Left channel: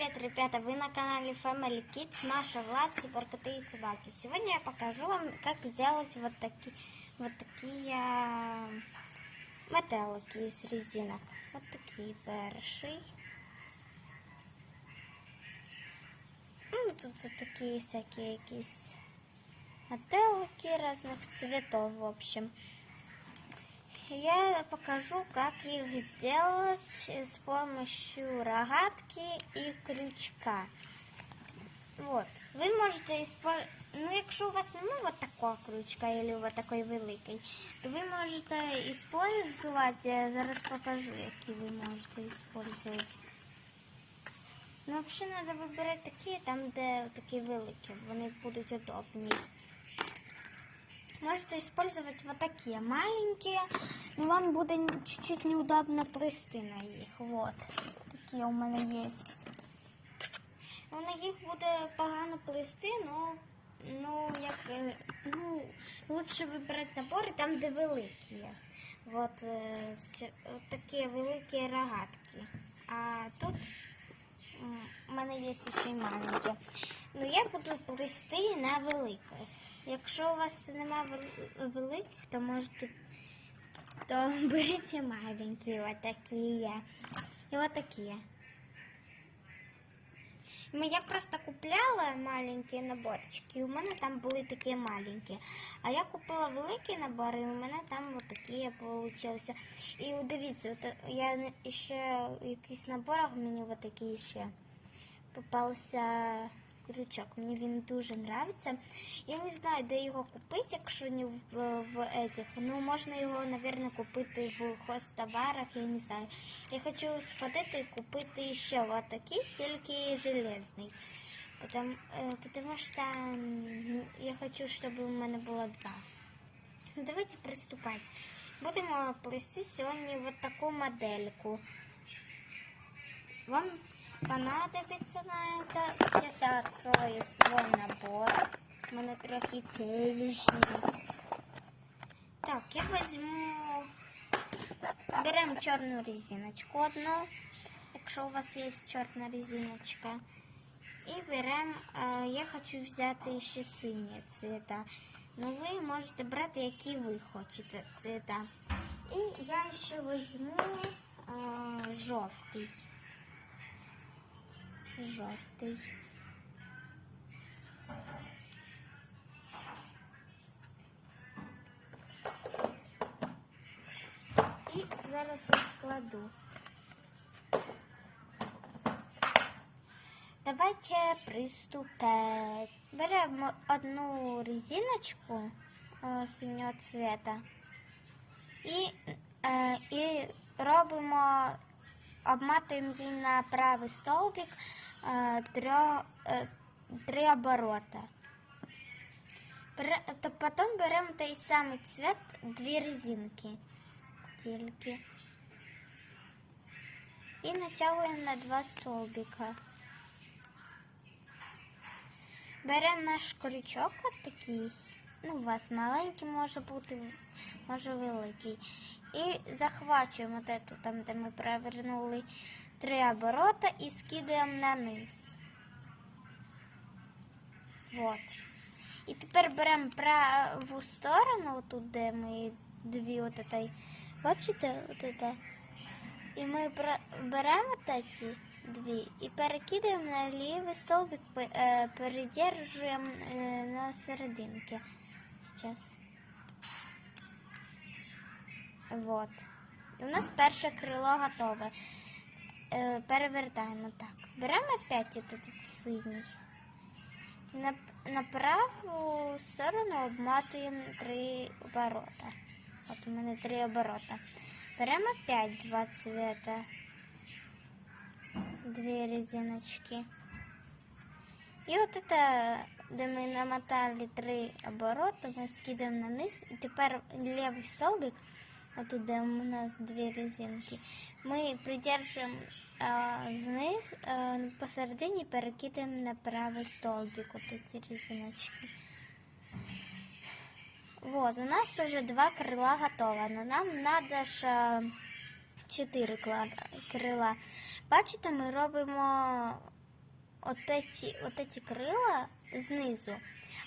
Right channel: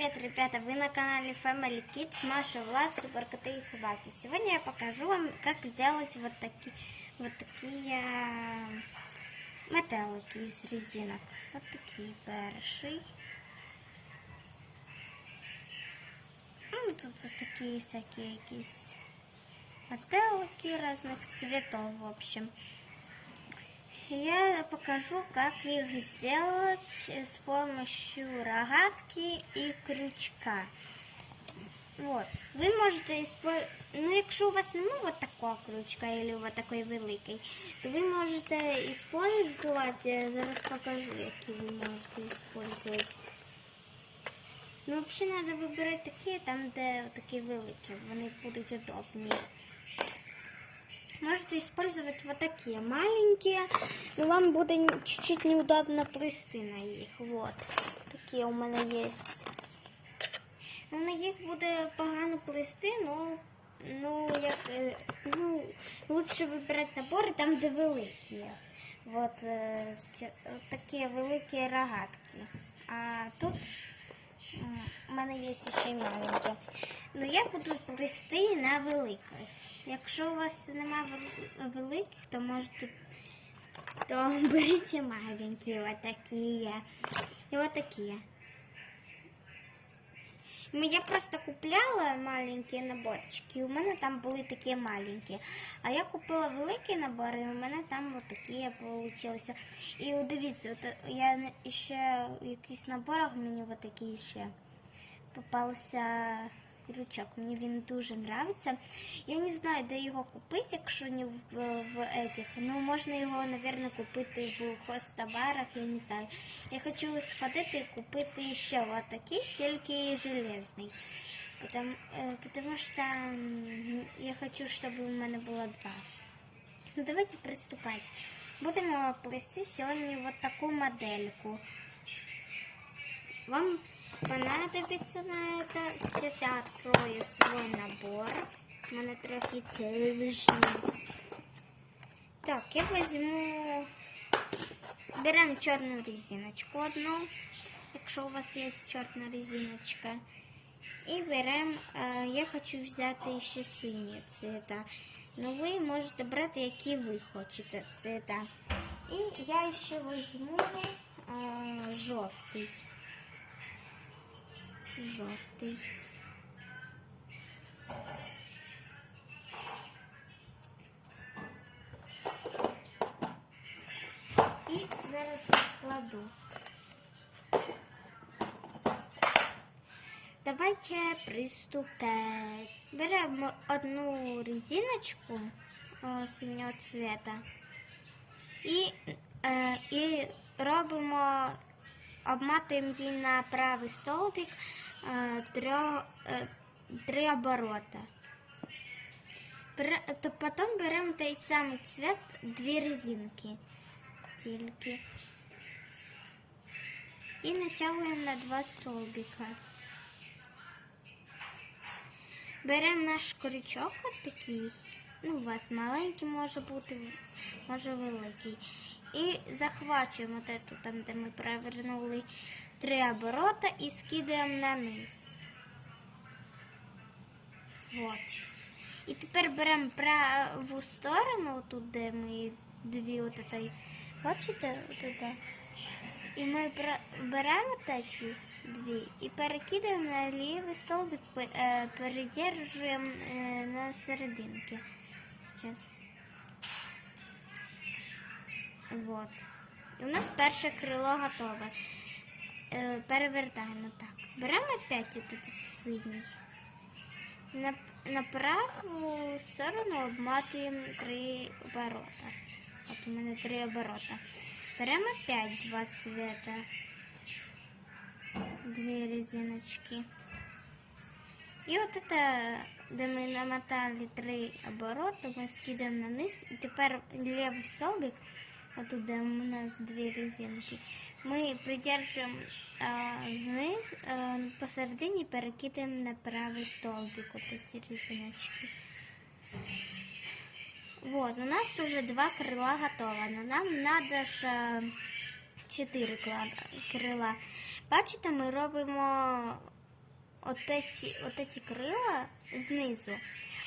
привет, ребята! Вы на канале Family Kids, Маша, Влад, Суперкоты и Собаки. Сегодня я покажу вам, как сделать вот такие, вот такие метелики из резинок. Вот такие перший. Ну, тут вот такие всякие якісь метелики разных цветов, в общем. Я покажу, как их сделать с помощью рогатки и крючка. Вот. Ви можете использовать, ну якщо у вас немає вот такого крючка или вот такой великий, то ви можете использовать, я зараз покажу, які ви можете использовать. Ну, взагалі треба вибирати такі, там, де такі великі, вони будуть удобні. Можете использовать вот такие маленькие, но вам будет чуть-чуть неудобно плести на них. Вот. Такі у мене є. Ну, на їх буде погано плести, ну, ну, як, е, ну, лучше вибирати набори там, де великі. Вот, е, с- от такі великі рогатки. А тут у мене є ще маленькі. Ну, я буду плести на великих. Якщо у вас немає великих, то можете то беріть маленькі, вот такі. І вот такі. Ну, я просто купляла маленькі наборчики, у мене там були такі маленькі. А я купила великі набори, і у мене там от такі. І дивіться, я ще в якихось наборах мені от такі ще попався крючок. Мені він дуже подобається. Я не знаю, де його купити, якщо не в, в этих. Ну, можна його, мабуть, купити в хостоварах, я не знаю. Я хочу сходити і купити ще вот такий, тільки железний. Потому, э, потому что м, я хочу, чтобы у мене було два. Ну, давайте приступати. Будемо плести сьогодні вот таку модельку. Вам понадобится на это. Сейчас я открою свой набор. У мене трохи. Так, я возьму. Беремо чорну резиночку одну, якщо у вас є чорна резиночка. І беремо, е, я хочу взяти ще синє цвіта. Ну ви можете брати, які ви хочете цвіта. І я ще візьму е, жовтий. Жовтий. І зараз я складу. Давайте приступать. Беремо одну резиночку о, синього цвета і, е, і робимо, обматуємо її на правий столбик е, трьох, е, Три оборота. То потім беремо той самий цвет, дві резинки тільки. І натягуємо на два столбика. Беремо наш крючок от такий. Ну, у вас маленький може бути, може великий. І захвачуємо эту, там, де ми перевернули три оборота і скидаємо на низ. Вот. І тепер беремо праву сторону, тут, де ми дві от бачите, от? І ми беремо такі дві і перекидаємо на лівий столбик, е, передержуємо е, на серединки. Сейчас. Вот. У нас перше крило готове. Е, перевертаємо так. Беремо опять этот синій. На, на праву сторону обматуємо три оборота. От у мене три оборота. Беремо опять два цвета. Две резиночки. І от это, де ми намотали три обороти, ми скидаємо на низ. І тепер лівий столбик, отут, де у нас дві резинки, ми придержуємо зниз, а, посередині перекидаємо на правий столбик от ці. Вот, у нас уже два крила готово, но нам надо ж чотири крила. Бачите, ми робимо отеці крила знизу.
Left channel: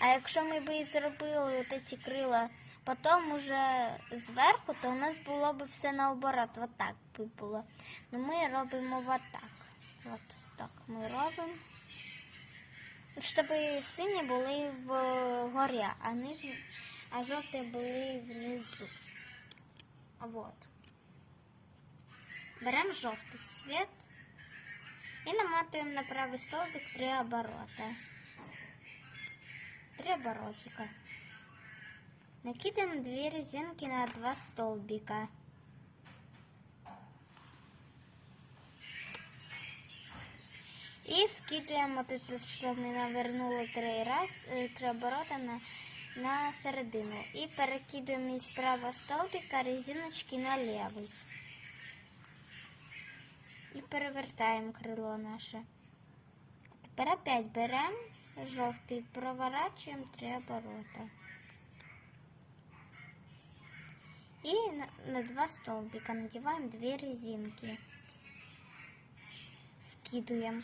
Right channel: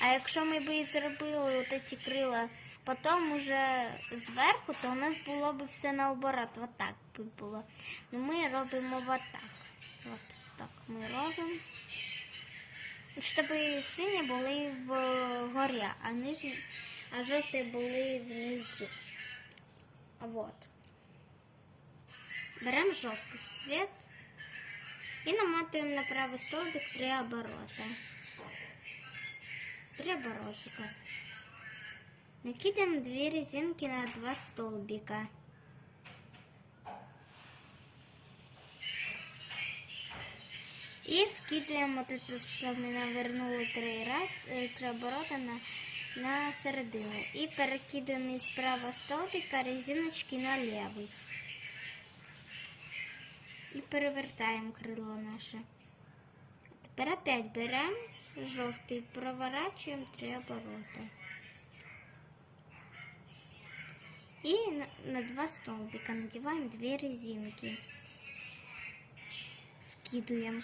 А якщо ми б зробили отеці крила потім уже зверху, то у нас було б все наоборот. Вот так би було. Ну ми робимо вот так. От так ми робимо. Щоб сині були вгорі, а нижні, а жовті були внизу. Вот. Беремо жовтий цвет і наматуємо на правий столбик три оборота. Три оборотика. Накидаем две резинки на два столбика. И скидываем вот это, что мы навернули три раз, э, три оборота на, на середину. И перекидываем из правого столбика резиночки на левый. І перевертаємо крило наше. Тепер опять беремо жовтий, проворачуємо три оборота. На, два столбика надеваем две резинки. Скидываем.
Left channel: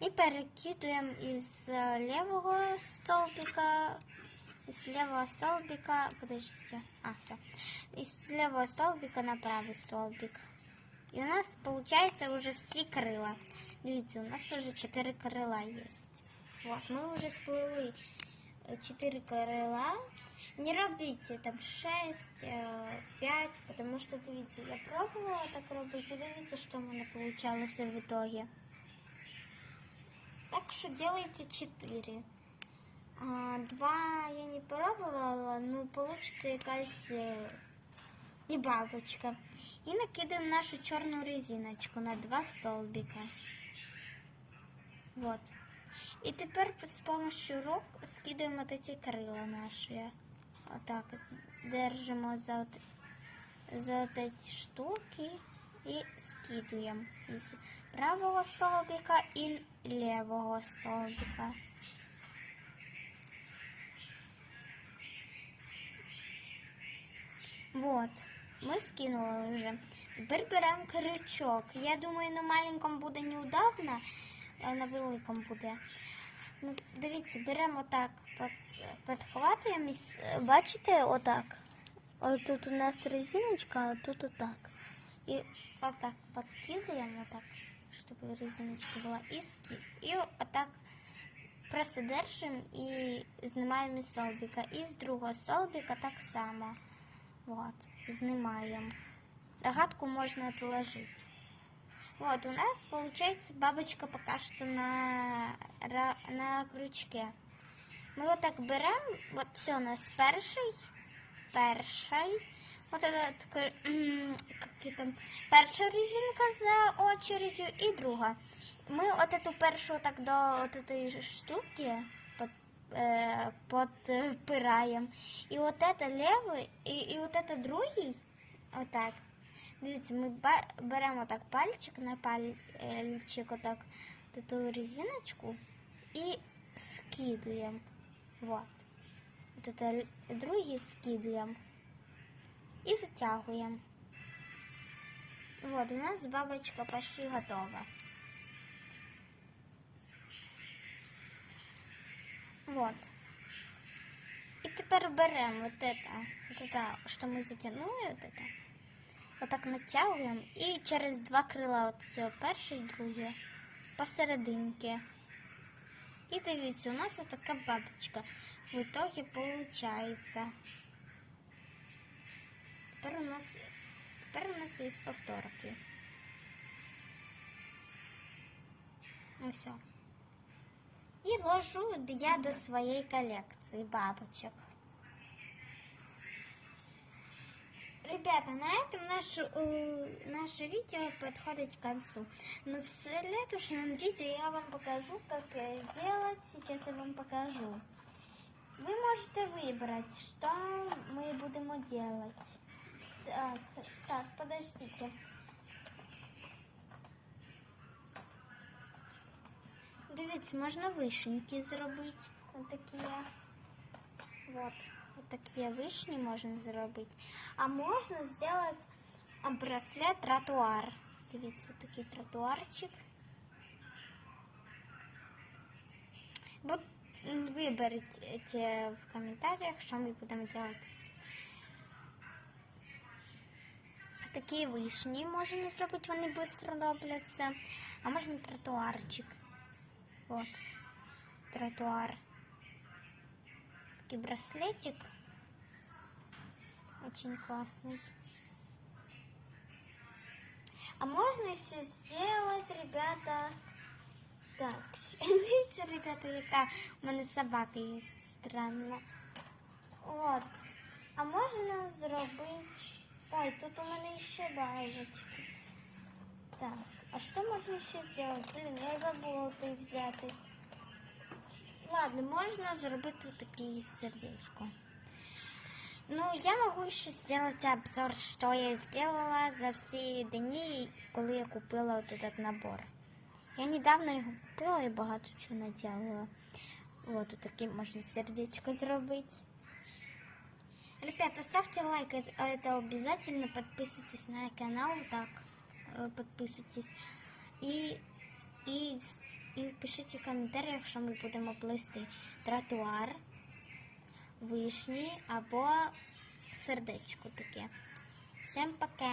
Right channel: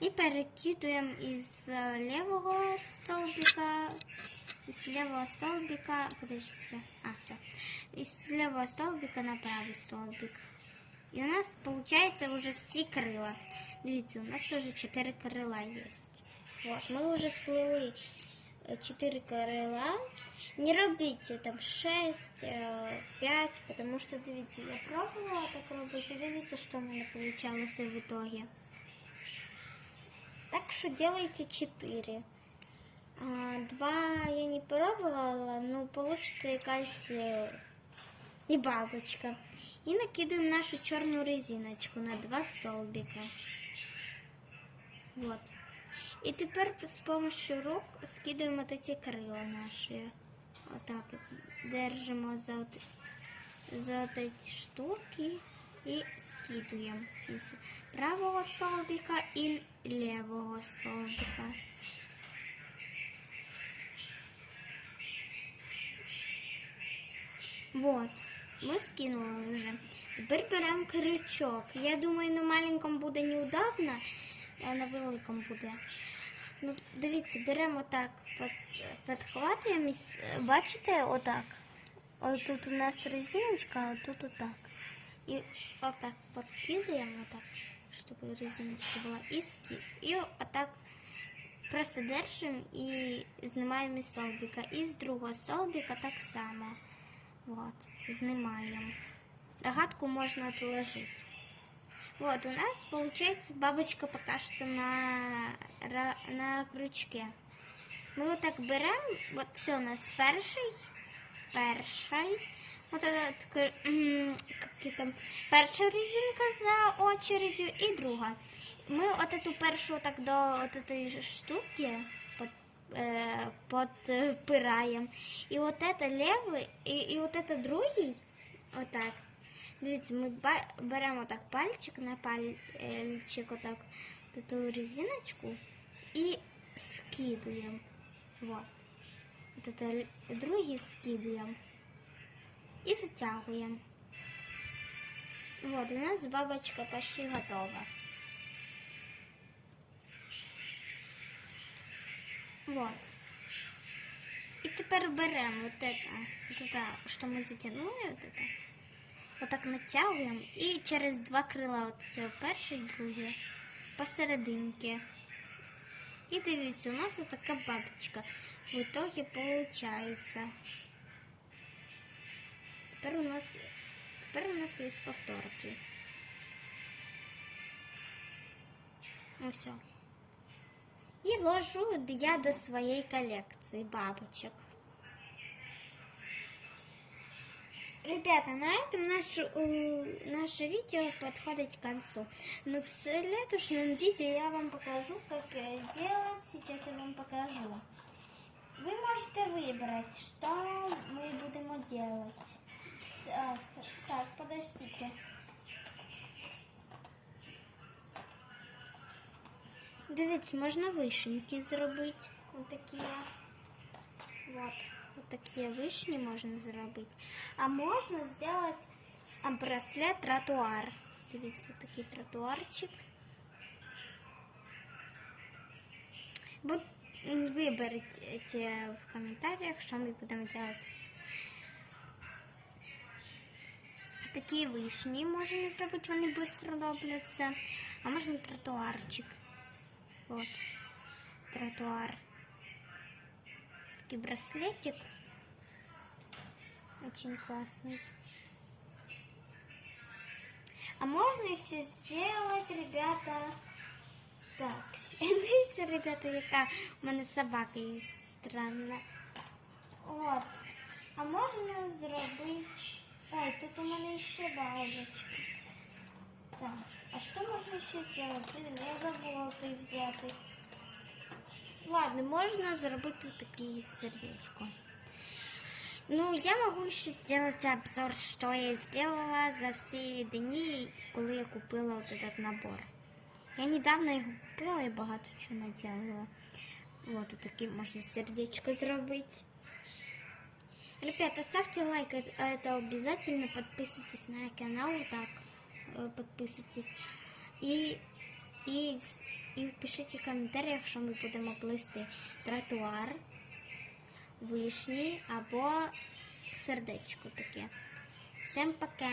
И перекидываем из э, левого столбика, из левого столбика, подождите, а, все, из левого столбика на правый столбик. И у нас получается уже все крила. Дивіться, у нас тоже 4 крила есть. Вот, мы уже сплыли 4 крила. Не робіть там 6, 5, потому что, дивіться, я пробувала так робити, і дивіться, що в мене получалося в итоге. Так что делайте 4. А, два я не пробовала, но получится якась е, і бабочка. І накидуємо нашу чорну резиночку на два столбика. Вот. І тепер з помощью рук скидуємо вот эти крила наші. Отак держимо за, от, за от эти штуки і скидуємо із правого столбика і левого столбика. Вот, ми скинули вже. Тепер беремо крючок. Я думаю, на маленькому буде неудобно, а на великому буде. Ну, дивіться, беремо так, підхватуємо, бачите, отак. Ось тут у нас резиночка, а тут отак. І отак підкидаємо, отак, щоб резиночка була, і. І отак просто держимо і знімаємо столбика. І з другого столбика так само. Вот, знімаємо. Рогатку можно отложить. Вот, у нас получается бабочка пока что на, ра- на крючке. Мы вот так берем, вот все у нас перший, перший, вот этот, кр- м, как ее там, перша резинка за очередью и друга. Мы вот эту першу так до вот этой штуки под, э, подпираем. И вот это левый, и, и вот это другий, вот так. Дивіться, ми ба- беремо так пальчик на пальчик, отак таку резиночку і скидуємо. Вот. От это другий скидуємо. І затягуємо. Вот, у нас бабочка почти готова. Вот. І тепер беремо вот это, вот это, що ми затягнули, вот это. Отак натягуємо і через два крила, от цього перше і друге, посерединки. І дивіться, у нас така бабочка. В итоге получается. Тепер у нас, тепер у нас є повторки. Ось. І ложу я до своєї колекції бабочок. Ребята, на этом наше, наше видео подходит к концу. Но в следующем видео я вам покажу, как э, делать. Сейчас я вам покажу. Вы можете выбрать, что мы будем делать. Так, так, подождите. Дивіться, можна вишеньки зробити. Отакі. Вот. Вот такие вишні можна зробити. А можна зробити браслет тротуар. Дивіться, такий тротуарчик. Бо м, виберіть е, в коментарях, що ми будемо робити. Такі вишні можна зробити, вони швидко робляться. А можна тротуарчик. Вот. Тротуар. Такий браслетик. Очень классный. А можно еще сделать, ребята, так, дивіться, ребята, яка у мене собака є странна. От. А можна зробити. Ой, тут у мене ще бажечки. Так, а що можна ще зробити? Блін, я забула той взяти. Ладно, можна зробити таке сердечко. Ну, я могу ще зробити обзор, що я зробила за всі дні, коли я купила вот этот набор. Я недавно його купила і багато чого наділила. Вот тут таке можна сердечко зробити. Ребята, ставьте лайк, это, это обязательно. Подписывайтесь на канал, так, э, подписывайтесь. И, и, с- пишіть у коментарях, що ми будемо плисти тротуар, вишні або сердечко таке. Всім пока.